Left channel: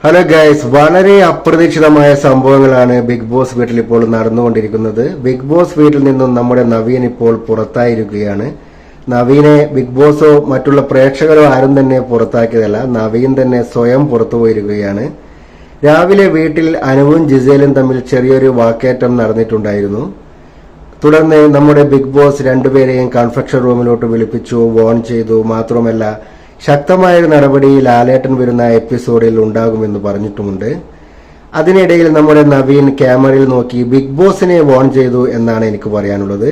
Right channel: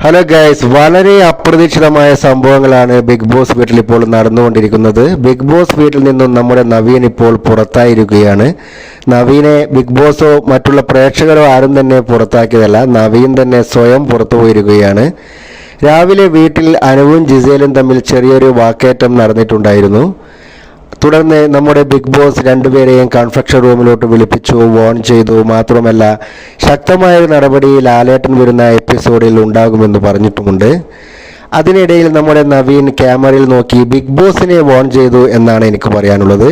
Hello guys വളരെ അപ്രതീക്ഷിതമായ സംഭവങ്ങളാണ് ബിഗ് ബോസ് വീട്ടിൽ ഇപ്പോൾ നടന്നുകൊണ്ടിരിക്കുന്നത്. ബിഗ് ബോസ് വീട്ടിൽ നിന്നും നമ്മുടെ നവീൻ ഇപ്പോൾ പുറത്തായിരിക്കുകയാണ്. നവീനെ ബിഗ് ബോസോ മറ്റുള്ള പ്രേക്ഷകരോ ആരും തന്നെ പുറത്താക്കിയതല്ല നവീൻ തന്നെ സ്വയം പുറത്തു പോയിരിക്കുകയാണ്. രാവിലെ വീട്ടിൽ അനുവും ജിസേലും തമ്മിൽ ചെറിയൊരു വാക്കേറ്റം നടന്നിട്ടുണ്ടായിരുന്നു. തുടർന്ന് നമ്മുടെ ബിഗ് ബോസ് രണ്ടുപേരെയും കൺഫെക്ഷൻ റൂമിലോട്ട് വിളിപ്പിച്ചു വോൺ ചെയ്തു. മാത്രമല്ല ശക്തമായ ഒരു നടപടി ലാലേട്ടൻ വരുന്ന എപ്പിസോഡിൽ ഉണ്ടാകുമെന്ന് പറഞ്ഞിട്ടുമുണ്ട്. അതിനിടയിൽ നമ്മുടെ നവീൻ ക്യാമറയിൽ നോക്കി ബിഗ് ബോസിനെ വോൺ ചെയ്തു എന്നാണ് എനിക്ക് പറയാനുള്ളത്.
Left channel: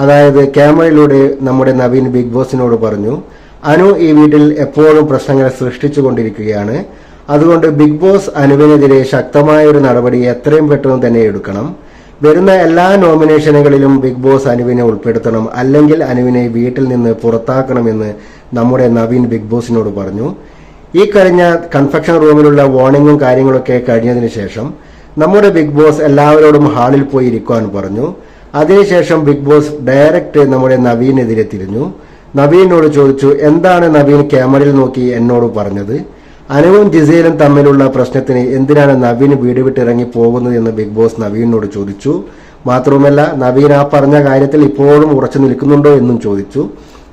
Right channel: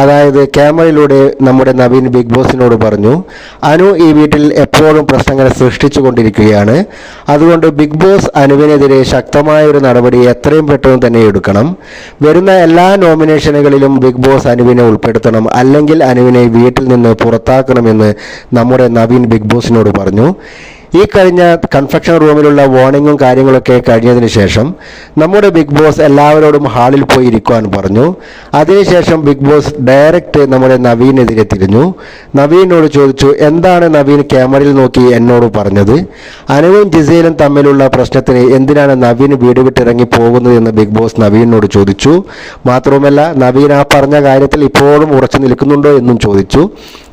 അതായത് ക്യാമറയിലൂടെ നമ്മുടെ നവീൻ ബിഗ് ബോസിനോട് പറഞ്ഞു അനു ഈ വീട്ടിൽ എപ്പോഴും പ്രശ്നങ്ങൾ സൃഷ്ടിച്ചു കൊണ്ടിരിക്കുകയാണ് അതുകൊണ്ട് ബിഗ് ബോസ് അനുവിനെതിരെ ശക്തമായ ഒരു നടപടി എത്രയും പെട്ടെന്ന് തന്നെ എടുക്കണം. വരുന്ന എല്ലാ നോമിനേഷനുകളിലും ബിഗ് ബോസ് അനുവിനെ ഉൾപ്പെടുത്തണം അല്ലെങ്കിൽ അനുവിനെ വീട്ടിൽ നിന്ന് പുറത്താക്കണമെന്ന് നമ്മുടെ നവീൻ ബിഗ് ബോസിനോട് പറഞ്ഞു. ഈ കഴിഞ്ഞ കൺഫെക്ഷൻ റൂമിലുള്ള വാർണിങ്ങും കാര്യങ്ങളൊക്കെ കഴിഞ്ഞതിന് ശേഷം നമ്മുടെ ബിഗ് ബോസ് എല്ലാവരോടും ഹാളിൽ പോയി ഇരിക്കുവാൻ പറഞ്ഞു. അതിനുശേഷം ബിഗ് ബോസ് ഡയറക്റ്റ് നമ്മുടെ നവീനെതിരെ തിരിഞ്ഞു. നവീനോട് ചോദിച്ചു എന്താണ് നവീൻ ക്യാമറയിൽ നോക്കി എന്നോട് പറഞ്ഞത്? അനുവും ജിസയിലും തമ്മിലുള്ള പ്രശ്നത്തിന് എന്തിനാണ് നവീൻ വീട് വിട്ടിറങ്ങി പോകുന്നത്? എന്ന് ബിഗ് ബോസ് നവീനോട് ചോദിച്ചു. മാത്രവുമല്ല നവീൻ ആ പറഞ്ഞ കാര്യത്തിൽ ഇപ്പോഴും ഉറച്ചു നിൽക്കുന്നുണ്ടോ എന്നും ചോദിച്ചു.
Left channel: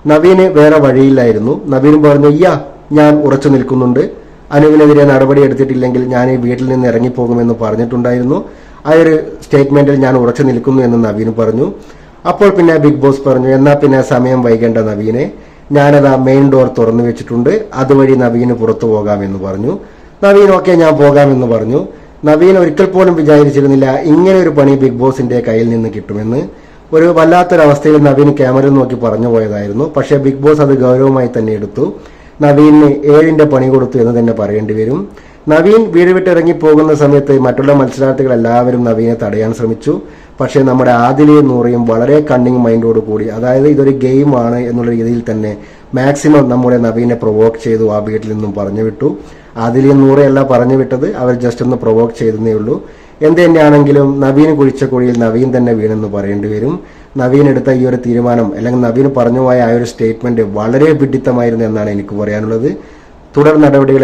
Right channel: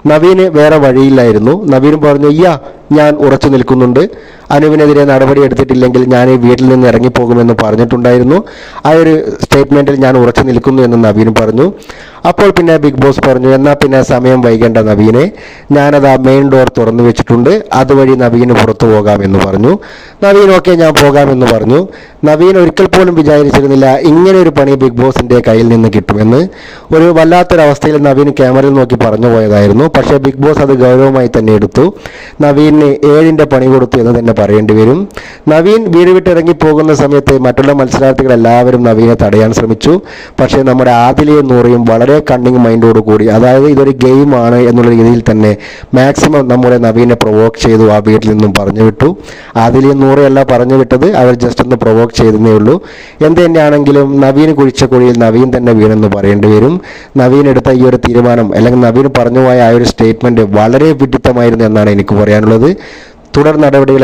നവീന് വേറെ വഴിയില്ലായിരുന്നു. നവീൻ പറഞ്ഞു അയ്യാ ഞാൻ ഉറച്ചു നിൽക്കുന്നുണ്ട്. അനുവിനെതിരെ നടപടി എടുത്തിട്ടില്ലെങ്കിൽ ഞാൻ ഈ വീട്ടിൽ നിന്ന് ഇറങ്ങിപ്പോകുമെന്ന് പറഞ്ഞിട്ടുണ്ടായിരുന്നു. ആ ഒരു സ്റ്റേറ്റ്മെന്റിൽ ഞാൻ ഉറച്ചു നിൽക്കുന്നു എന്ന് നവീൻ പറഞ്ഞു. അപ്പോൾ പിന്നെ ബിഗ് ബോസ് പറഞ്ഞു എന്നാൽ പിന്നെ സമയം വൈകേണ്ട നവീനെ. ഞാനത് ആ മെയിൻ ഡോർ തുറന്നു വെച്ചിട്ടുണ്ട്. അതുവഴി നവീന് പുറത്തു പോകാമെന്ന് പറഞ്ഞു. നവീൻ ഞാൻ പോകാമെന്ന് പറഞ്ഞു. നവീൻ ഒരിക്കൽ പോലും വിചാരിച്ചിരുന്നില്ല ഇങ്ങനെ ഒരു പണി ബിഗ് ബോസിന്റെ കയ്യിൽ നിന്ന് കിട്ടുമെന്ന്. ഒരു വല്ലാത്തൊരവസ്ഥയിൽ നവീൻ ക്യാമറയിൽ നോക്കി പറഞ്ഞു പോയതായിരുന്നു. പക്ഷേ ബിഗ് ബോസ് അത് ഗൗരവമായി തന്നെ എടുത്തു. നവീന് ഏഴിന്റെ പണി കൊടുത്തു എന്ന് തന്നെ പറയേണ്ടി വരും. നവീൻ വീട് വിട്ടിറങ്ങി പോകുന്ന സമയത്ത് മറ്റുള്ള മത്സരാർത്ഥികൾ എല്ലാവരും നവീനെ തടയാൻ ശ്രമിച്ചു. പക്ഷേ നമ്മുടെ ആദിലയും നൂറിയും വളരെ കണ്ണിങ് മൈൻഡോട് കൂടി. അതായത് ഇതൊരു ഗെയിമാണ് എന്നുള്ള രീതിയിൽ തന്നെ മാക്സിമം നമ്മുടെ നവീനെ പ്രൊവോക്ക് ചെയ്തു ആ വീട്ടിൽ നിന്നും പറഞ്ഞു വിട്ടു. അതിൽ നൂറെയല്ല പറഞ്ഞു വിട്ടത് അവർ ജസ്റ്റ് ഒന്ന് പ്രൊവോക്ക് ചെയ്തതേ ഉള്ളൂ. എന്ത് തന്നെയാണെങ്കിലും നവീന് കുഴിച്ച കുഴിയിൽ നവീൻ തന്നെ വീണെന്ന് പറയേണ്ടി വരും. നവീൻ എടുത്ത ഈ ഒരു തീരുമാനം അല്ലെങ്കിൽ നവീൻ പറഞ്ഞു പോയ ആ ഒരു സ്റ്റേറ്റ്മെന്റ് വളരെ വിഡിത്തമായിരുന്നു എന്നാണ് എനിക്ക് പറയാനുള്ളത്. തുടർ നടപടികൾ